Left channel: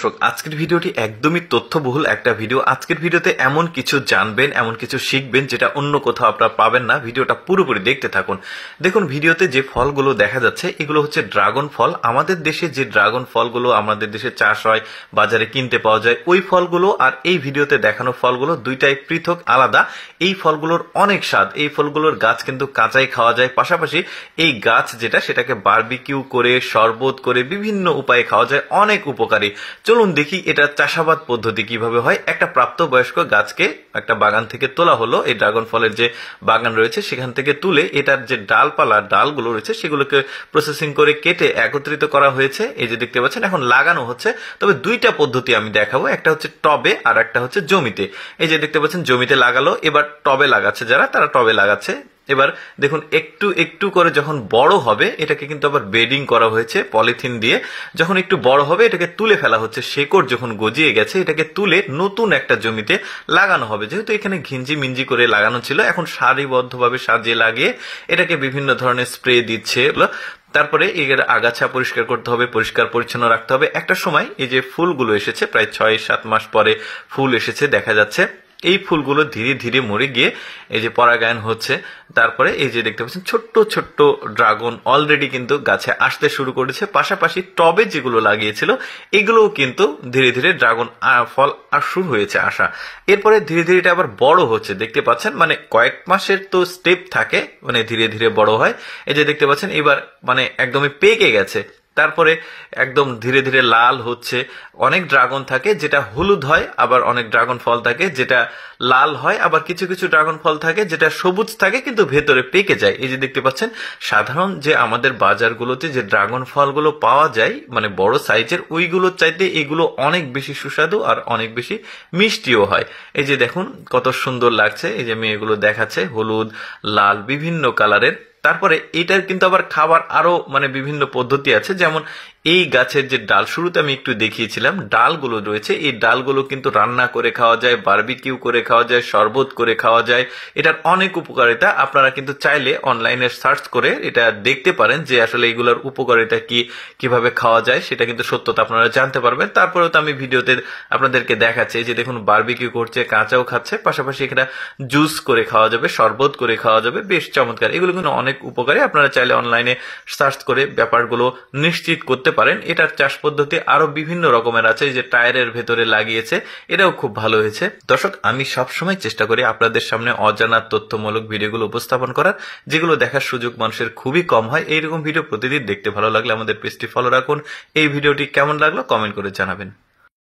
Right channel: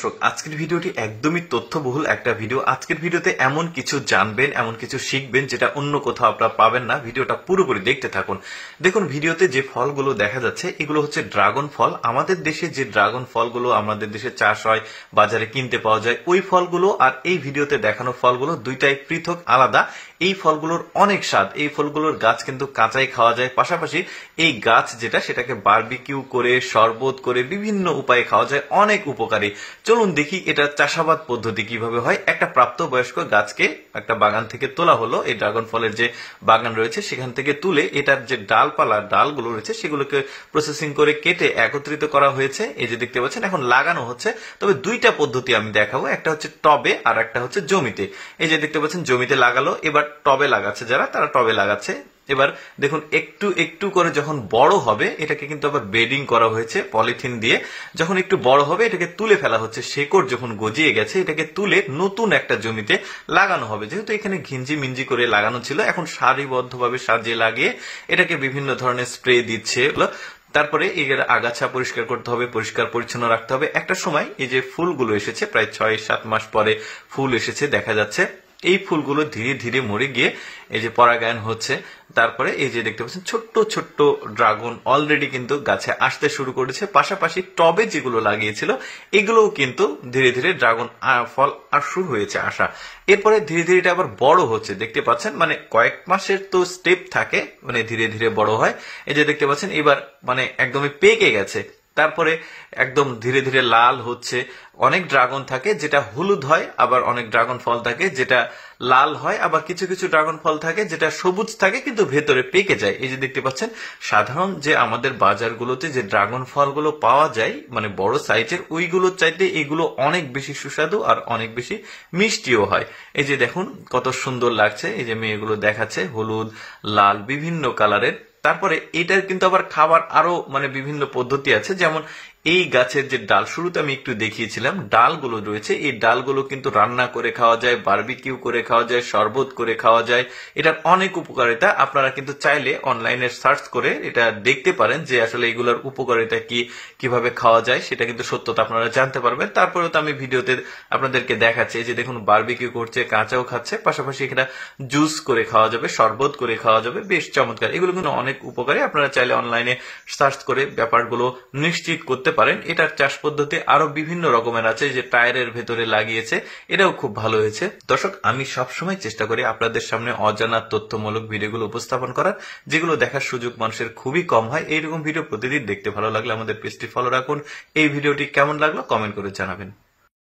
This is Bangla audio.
দর্শক, আজকের ভিডিওটি একদমই তথ্যবহুল একটা ভিডিও। আজকের ভিডিওতে এমন কিছু জানবেন, এমন কিছু শিখবেন যেটা অন্য কোথাও আপনারা পাবেন না। ভিডিওটা পুরোপুরি দেখতে থাকুন। দেখুন, ভিডিওতে যে ফলগুলো দেখা যাচ্ছে এগুলো হচ্ছে ড্রাগন ফল। আমাদের দেশে যে ড্রাগন ফলগুলো আমাদের দেশে চাষ হয়, বাজারে কিনতে পাওয়া যায়, ওই ফলগুলো আর এই ভিডিওতে দেখানো ফলগুলো দুইটাই পৃথক, আলাদা। এই ফলগুলোর অনেক স্বাদ। এই ফলগুলোর গাছ কিন্তু কাঁচাই খাওয়া যায়, পাশাপাশি এই গাছ যেটা সেটাকে বারবিকিউ করে, শরবত করে বিভিন্ন উপায়ে খাওয়া যায়, অনেক উপকারী। চলুন দেখি এটা চাষাবাদ পদ্ধতি কিভাবে হয়। একটা প্রাপ্তবয়স্ক গাছকে একটা বাগান থেকে তোলা হলো, এই ড্রাগন ফলের যে বাগান রয়েছে সেখান থেকে তুলে এটার যে ডালপালা, ডালগুলো রয়েছে সেগুলোকে প্রসেসিং করে কেটে একত্রিত করা হয়েছে। এই যে দেখতে পাচ্ছেন এখন লাগানো হচ্ছে। তবে দুইটা পদ্ধতি আমি দেখাবো, একটা হচ্ছে টবে আর একটা হচ্ছে জমিতে। এই যে দেখতে পাচ্ছেন জমিতে লাগালো, এবার টবে লাগাচ্ছে যারা, তারা টবে লাগাচ্ছে। এবার দেখুন একটু একটু করে যখন বড় হবে, এটাকে কিন্তু আবার বেডিং করা হয়েছে পলিথিন দিয়ে। যখন একটু বড় হবে এটাকে তুলে ফেলা হচ্ছে, শেকড় যখন গজিয়ে গেছে এটাকে তুলে নতুন একটা জমিতে লাগানো হবে। যেহেতু এখানে ঘিঞ্জি মিঞ্জি করে লাগানো ছিল, এখন সারিবদ্ধভাবে সাজিয়ে লাগিয়ে এটাকে বিভিন্ন ধরনের স্প্রে দিচ্ছে। তারপরে এর আগাছা পরিষ্কার করতে হবে, পরিষ্কার পরিচ্ছন্ন রাখতে হবে। একটা সময় এই যে ফুলগুলো এসেছে, প্রায় 6-7 মাস পরে ফুল এসেছে দেখা যাচ্ছে। এই ফুলগুলো ধীরে ধীরে মরে গিয়ে এই যে পরাগায়ন হচ্ছে। তারপরে এই যে দেখতে পাচ্ছেন ছোট্ট ছোট্ট ড্রাগন অলরেডি কিন্তু গাছে আসতে শুরু করেছে। পাশাপাশি টবে যেগুলো লাগিয়েছিল এগুলোও কিন্তু ধীরে ধীরে ড্রাগন ফল শুরু হয়েছে আসা। এরপরে ধীরে ধীরে এটা আবার বড় হচ্ছে, দেখতে পাচ্ছেন। মানে কয়েক মাসের তো স্টেপ থাকে, মানে ধীরে ধীরে বড় হয়। এই যে দেখতে পাচ্ছেন এবার মানে একদমই পেকে গেছে। তারপরে একদম ধীরে ধীরে লাল হচ্ছে। অনেক ড্রাগন থাকে যেটা হলুদ হয়, আবার অনেক ড্রাগন ফল থাকে যেটা লাল হয়, আবার কিছু কিছু ড্রাগন ফল থাকে যেটা সবুজ থাকে কিন্তু ভেতরে পেকে যায়। এই যে দেখতে পাচ্ছেন সাধারণ যে আমাদের বাজারগুলোতে যে ড্রাগন ফলগুলো পাওয়া যায় মানে বড় সাইজের, ওইগুলোর চাইতে এগুলো অনেক বেশি সুস্বাদু আর অনেক বেশি মিষ্টিও হয়। এই যে দেখুন কত সুন্দর লাগছে। এই যে মেয়েগুলো দেখাচ্ছে হলুদ, লাল, বিভিন্ন কালারের। তারপরে এটার কিন্তু আবার খাবার আরো মানে বিভিন্ন পদ্ধতি আছে। যেমন এই গাছের যে ডাল, শুরুতে আমি একটু দেখিয়েছিলাম, ডালগুলো রয়েছে, এই ডালগুলো কিন্তু রান্না করে খাওয়া যায়, বারবিকিউ করে খাওয়া যায়, শরবত করে খাওয়া যায়। এটার অনেক উপকারিতা। আপনারা কিন্তু চাইলে অনলাইনে সার্চ করে এটা দেখতে পারেন যে আসলে এগুলোর উপকারিতা কি, কিভাবে খাওয়া যায়, সেটা কিন্তু সত্যতা আপনারা জানতে পারবেন। তারপরে তো আমি ভিডিওতে আপনাদেরকে দেখাচ্ছি। এই যে দেখুন বারবিকিউ করছে, কাঁচাও খাচ্ছে, পাশাপাশি এখানে জুস করে খাওয়া যাবে, শরবত করে খাওয়া যাবে। বেশ চমৎকার। এগুলো কিন্তু অনেক উপকারী। আপনারা চাইলে অনলাইনে সার্চ করে ব্যাপারগুলো নিশ্চিত করতে পারেন। এটার চাষ পদ্ধতি আরো বিভিন্ন রকমের আছে। যে টায়ারের ভেতরে লাগিয়েছে, এটাও খুব ভালো হয়েছে। দর্শক, আমি সবসময় চেষ্টা করি আপনাদের সামনে অজানা তথ্যমূলক ভিডিওগুলো উপস্থাপন করার, যেগুলো দেখার সুযোগ মানুষের খুবই কম হয়। এইরকম ভিডিও প্রতিদিন দেখতে ভালো লাগলে আমাদের পেজটি ফলো রাখুন। এই ভিডিওটি কেমন লাগলো কমেন্ট করে জানাবেন।